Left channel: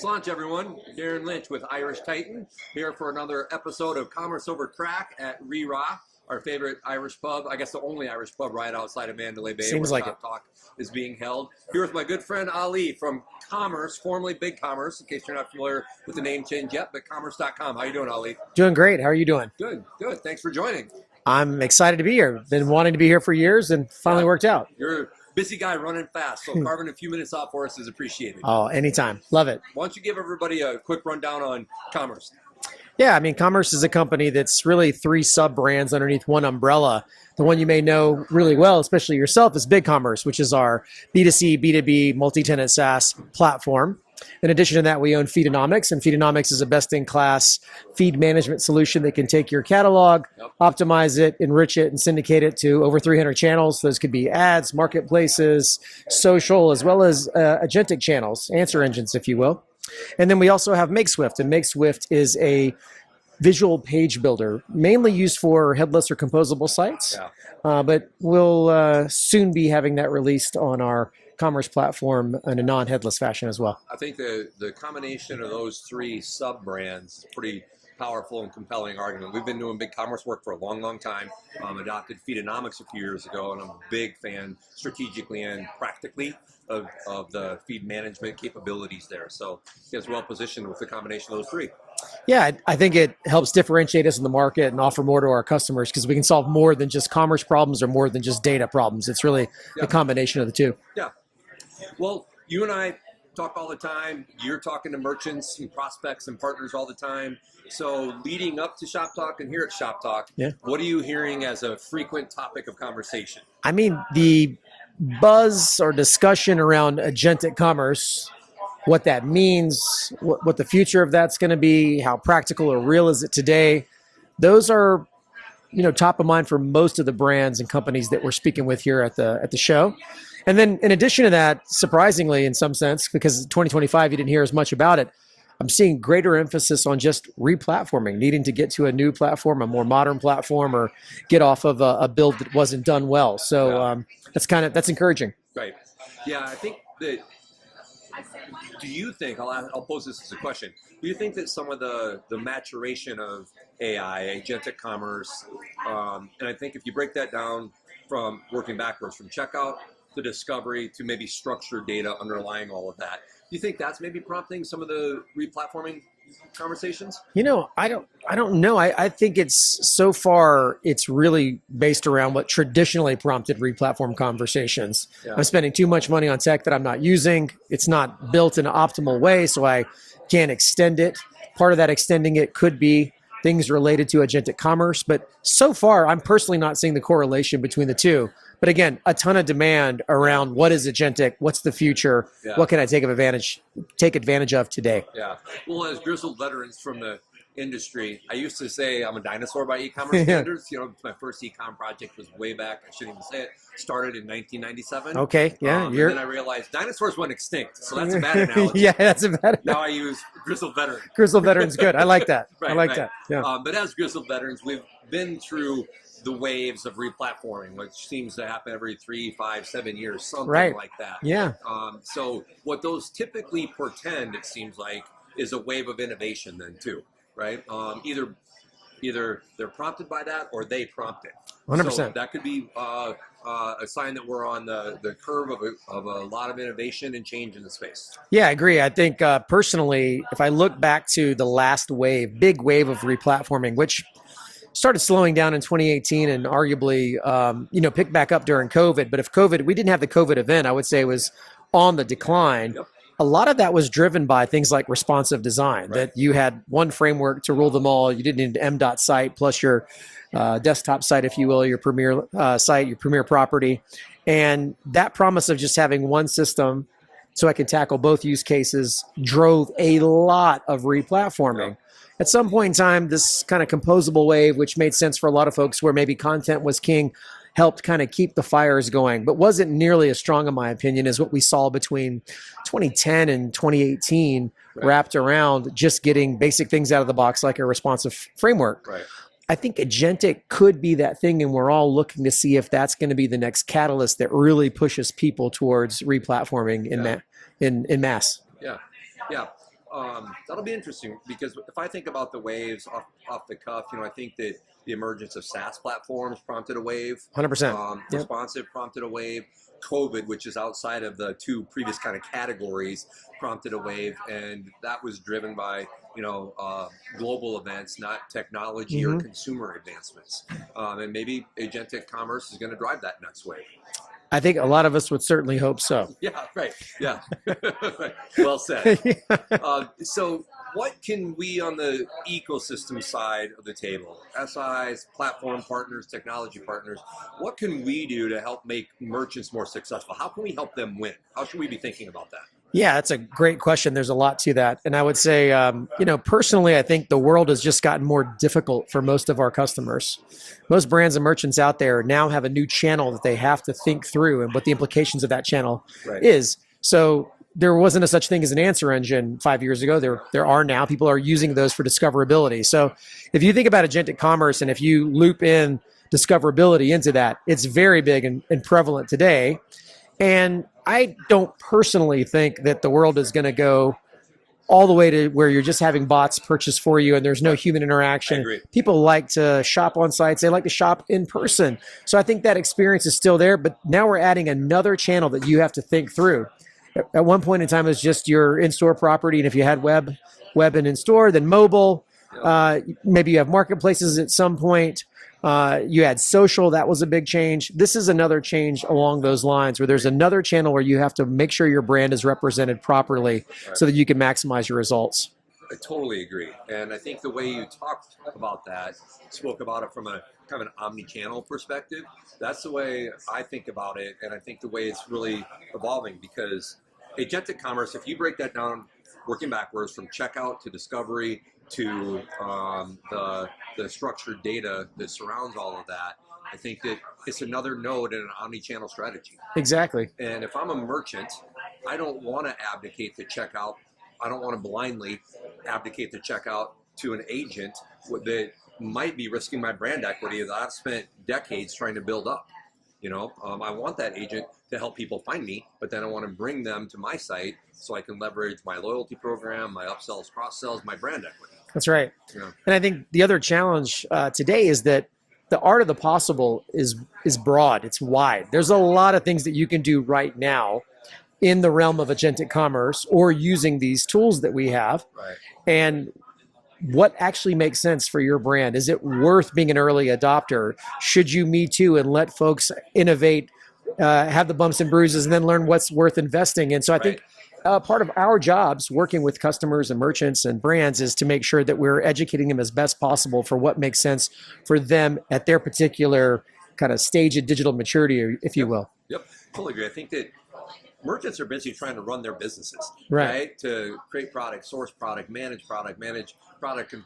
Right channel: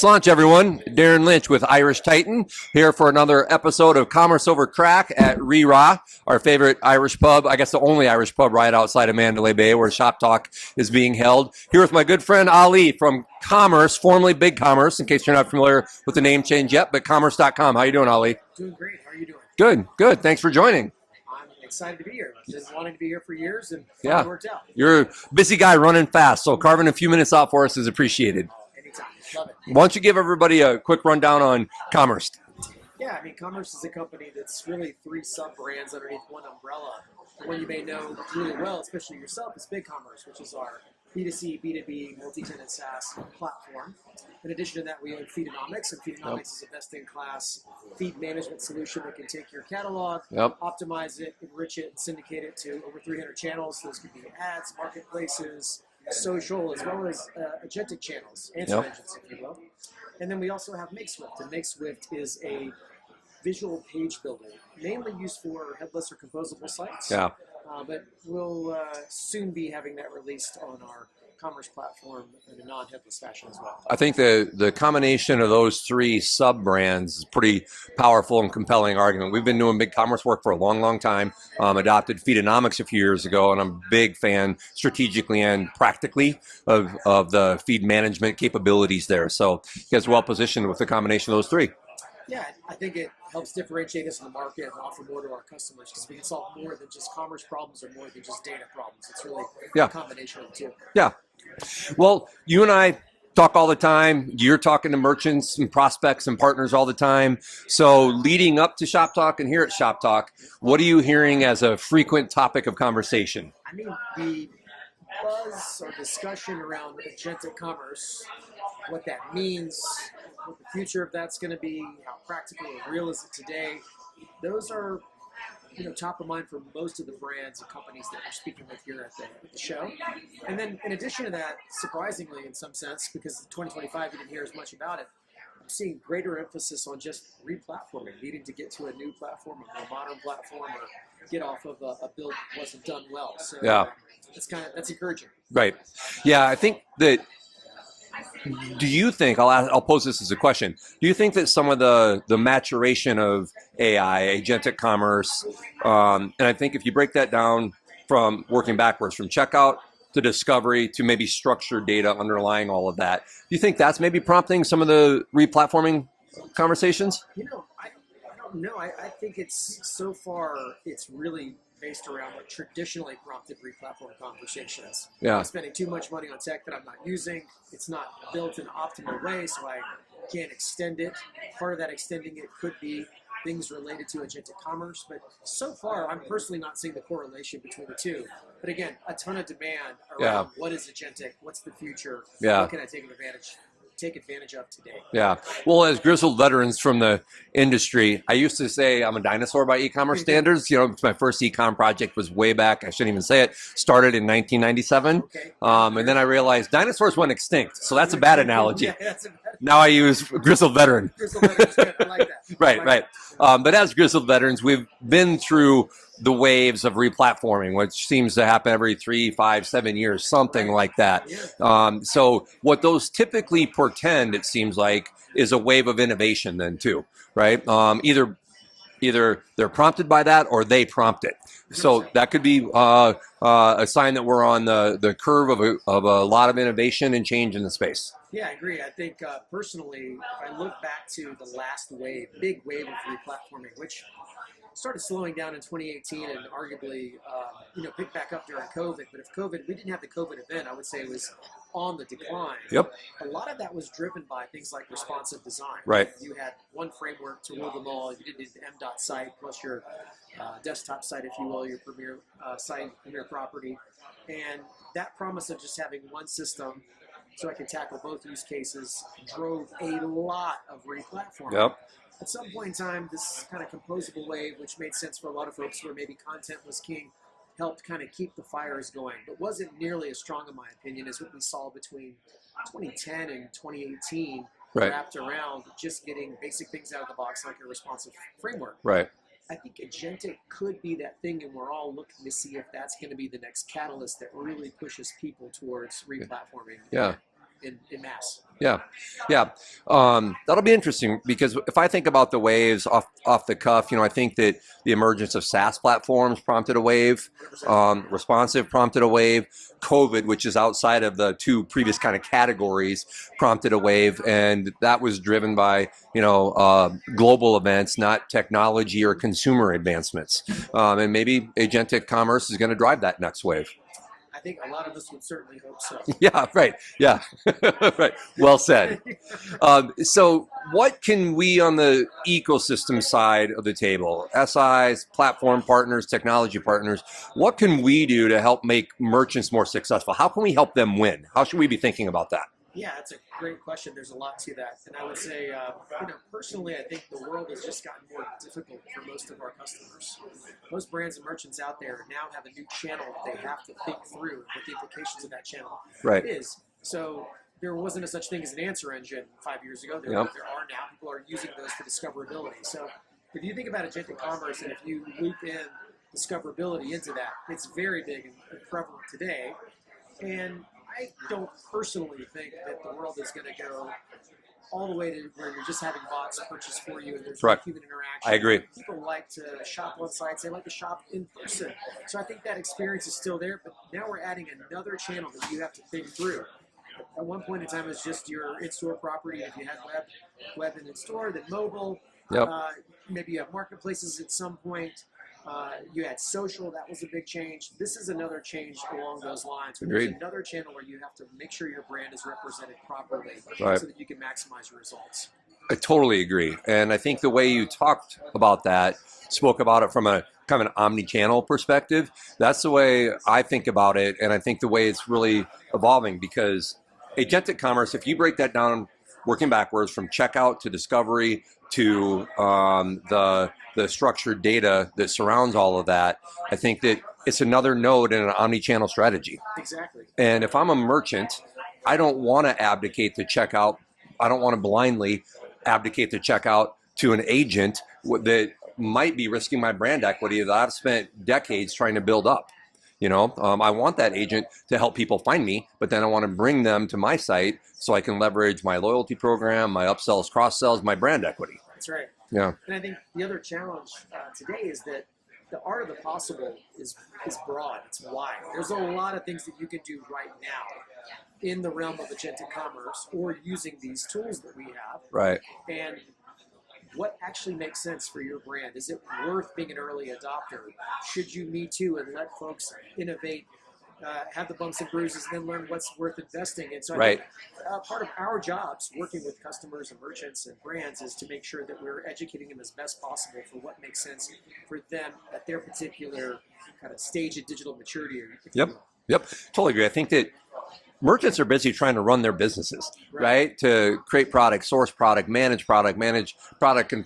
Sláinte, everyone. Darren Lynch with Irish Titan here for another episode of Commerce Over Craic at Rira, our favorite Irish pub. I guess the only Irish pub right outside of Mandalay Bay, where Shop Talk is being held. Here with my good friend Ali from Commerce, formerly Big Commerce, in case you're not familiar with the name change yet, but commerce.com. How you doing, Ali? Doing great. How are you doing? Good, good. Thanks for joining. I'm excited to be here. Been wanting to be here for years and finally worked out. You're a busy guy running fast, so carving a few minutes out for us is appreciated. Oh, anytime. Love it. Why don't you give everybody a quick rundown on Commerce? Yeah, I mean, Commerce is a company that's really three sub-brands underneath one umbrella. The one you may know really well, especially yourself, is Big Commerce, which is our B2C, B2B, multi-tenant SaaS platform. In addition to that, we own Feedonomics, and Feedonomics is a best-in-class feed management solution that can take your catalog, optimize it, enrich it, and syndicate it to over 300 channels. Those could be ads, marketplaces, social, as well as agentic channels, answer engines, if you will. And then we also have MakeSwift, and MakeSwift is a visual page builder, mainly used for headless or composable sites. But we'll soon be having that released on our Commerce platform in a non-headless fashion as well. I think the combination of those three sub-brands is pretty powerful and compelling argument. We've been doing Big Commerce work for a long, long time. Adopted Feedonomics a few years ago, and I'm a big fan strategically and practically of the feed management capabilities there. So you guys are well positioned with the combination of those three. Yeah, I think it helps differentiate us in the market and offer more to our customers because we can solve more than just commerce problems or more than just data problems. It's really a combination of the two. Yeah. Well, you and I talk all the time. You're talking to merchants and prospects and partners all the time. So leading up to Shop Talk and here at Shop Talk, what are you hearing as a frequent topic of conversation? I mean, the buzz or discussion around agentic commerce, what that means, what the future of that's going to be, how practical or real is it today, those are top of mind for most of the brands and companies that we're speaking with here at the show. And then in addition to that, surprisingly, in some sense, because 2025, you didn't hear as much about it, I'm seeing greater emphasis on just replatforming, needing to get to a new platform, a more modern platform, or get off of a build that wasn't done well. So that's encouraging. Right. Yeah, I think that, do you think, I'll pose this as a question, do you think that some of the maturation of AI, agentic commerce, and I think if you break that down from working backwards from checkout to discovery to maybe structured data underlying all of that, do you think that's maybe prompting some of the replatforming conversations? I don't know. I think so far it's really based around what traditionally prompted replatform conversations. I'm spending too much money on tech that I'm not using. It's not built in an optimal way, so I can't extend it. Part of that extending it could be things related to agentic commerce, but so far I'm personally not seeing the correlation between the two. But again, a ton of demand around what is agentic, what's the future, what can I take advantage of today? Yeah. Well, as grizzled veterans from the industry, I used to say I'm a dinosaur by e-commerce standards. My first e-com project was way back. I shouldn't even say it. Started in 1997. Okay. And then I realized dinosaurs went extinct. So that's a bad analogy. That's a bad analogy. Now I use grizzled veteran. Grizzled veteran is good. I like that. Right. That. Yeah. But as grizzled veterans, we've been through the waves of replatforming, which seems to happen every 3, 5, 7 years, something like that. Yeah. So what those typically portend, it seems like, is a wave of innovation then too, right? Either they're prompted by that or they prompt it. 100%. So that could be a sign that we're on the curve of a lot of innovation and change in the space. Yeah, I agree. I think personally, if I look back to the last big wave of replatforming, which started slowing down in 2018 and arguably, picked back up during COVID. But if we didn't have the COVID event, I would say it was on the decline. A lot of that was driven by things like responsive design. That you had one framework to rule them all. You didn't need an MDOT site plus your desktop site, if you will, your premier site, your premier property. And that promise of just having one system so I can tackle both use cases drove a lot of replatforming. At some point in time, this kind of composable wave, which made sense for a lot of folks where maybe content was king, helped kind of keep the fires going, but wasn't nearly as strong, in my opinion, as what we saw between 2010 and 2018, wrapped around just getting basic things out of the box like a responsive framework. I think agentic could be that thing, and we're all looking to see if that's going to be the next catalyst that really pushes people towards replatforming in mass. Yeah, yeah. That'll be interesting because if I think about the waves off the cuff, I think that the emergence of SaaS platforms prompted a wave. 100%. Responsive prompted a wave. COVID, which is outside of the two previous kind of categories, prompted a wave, and that was driven by global events, not technology or consumer advancements. And maybe agentic commerce is going to drive that next wave. I think a lot of us would certainly hope so. Yeah, right. Yeah, right. Well said. So what can we on the ecosystem side of the table, SIs, platform partners, technology partners, what can we do to help make merchants more successful? How can we help them win? How should we be thinking about that? Yeah, that's a great question. There's a lot to that. And I would say, personally, I think the world has just gotten more difficult for most of our customers. Most brands and merchants out there now have a new channel that they have to think through and what the implications of that channel is. So there wasn't a such thing as an answer engine 5 years ago. There are now. People are using those for discoverability. So if you think about agentic commerce and if you loop in discoverability into that, it's very big and prevalent today. And I don't personally think that the world is going to go all the way to where you're just having bots purchase for you and there's no human interaction. I agree. People like to shop on sites. They like to shop in person. So I think that experience is still there, but now we're adding another channel that you have to think through. At one point in time, it was just your in-store property. And if you had web and in-store, then mobile. Maybe you have marketplaces at some point. You had social, that was a big change. This is another change along those lines where there's another channel where you have to make sure your brand is represented properly so that you can maximize your results. I totally agree. And I think the way you talked about that, spoke about it from a kind of an omni-channel perspective, that's the way I think about it. And I think the way it's really evolving because agentic commerce, if you break that down, working backwards from checkout to discovery to the structured data that surrounds all of that, I think that it's another node in an omni-channel strategy. Exactly. And if I'm a merchant, I don't want to abdicate the checkout. I don't want to blindly abdicate the checkout to an agent that might be risking my brand equity that I've spent decades trying to build up. I want that agent to help people find me, but then I want to bring them to my site so I can leverage my loyalty program, my upsells, cross-sells, my brand equity. That's right. Yeah. And I think the other challenge today is that the art of the possible is broad. It's wide. There's a lot of things that you can do right now in the realm of agentic commerce or using these tools that we have. Right. And what actually makes sense for your brand? Is it worth being an early adopter? Should you Me Too and let folks innovate, have the bumps and bruises, and then learn what's worth investing in? So I think part of our jobs working with customers and merchants and brands is to make sure that we're educating them as best possible for what makes sense for them at their particular kind of stage of digital maturity, if you will. Yep, totally agree. I think that merchants are busy trying to run their businesses, right? To create product, source product, manage product and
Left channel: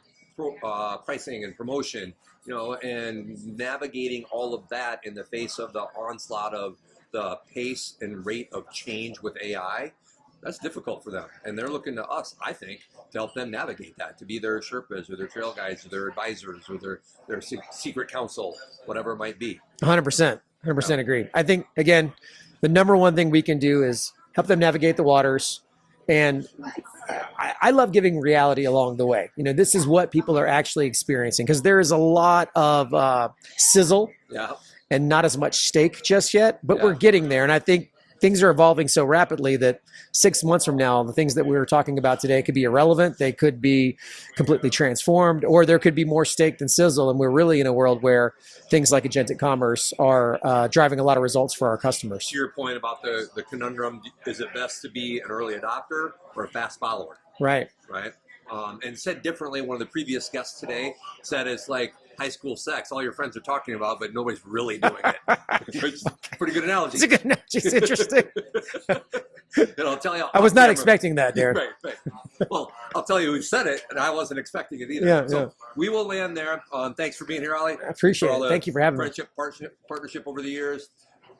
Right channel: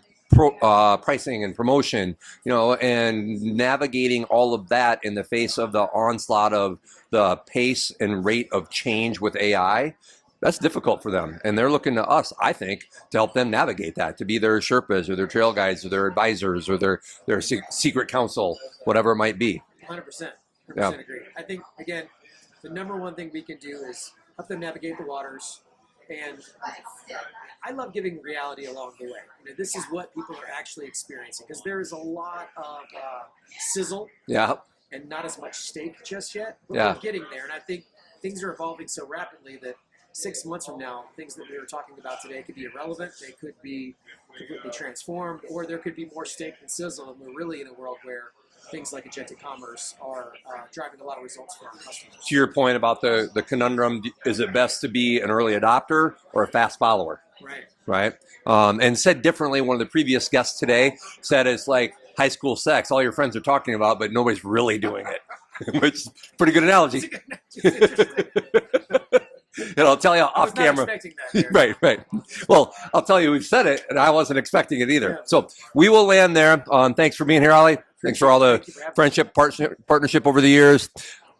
pricing and promotion, and navigating all of that in the face of the onslaught of the pace and rate of change with AI. That's difficult for them. And they're looking to us, I think, to help them navigate that, to be their Sherpas or their trail guides or their advisors or their secret counsel, whatever it might be. 100%. 100% agree. I think, again, the number one thing we can do is help them navigate the waters. And I love giving reality along the way. This is what people are actually experiencing because there is a lot of sizzle and not as much steak just yet, but we're getting there. And I think things are evolving so rapidly that 6 months from now, the things that we were talking about today could be irrelevant. They could be completely transformed, or there could be more steak than sizzle. And we're really in a world where things like agentic commerce are driving a lot of results for our customers. To your point about the conundrum, is it best to be an early adopter or a fast follower? Right. And said differently, one of the previous guests today said it's like high school sex. All your friends are talking about, but nobody's really doing it. Which is a pretty good analogy. It's a good analogy. It's interesting. I'll tell you. I was not expecting that, Darren. Right. Well, I'll tell you, we've said it, and I wasn't expecting it either. We will land there. Thanks for being here, Ali. Thanks for all the friendship, partnership over the years.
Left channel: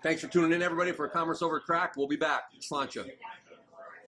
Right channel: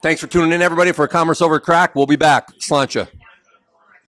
Thanks for tuning in, everybody, for Commerce Over Craic. We'll be back. Sláinte.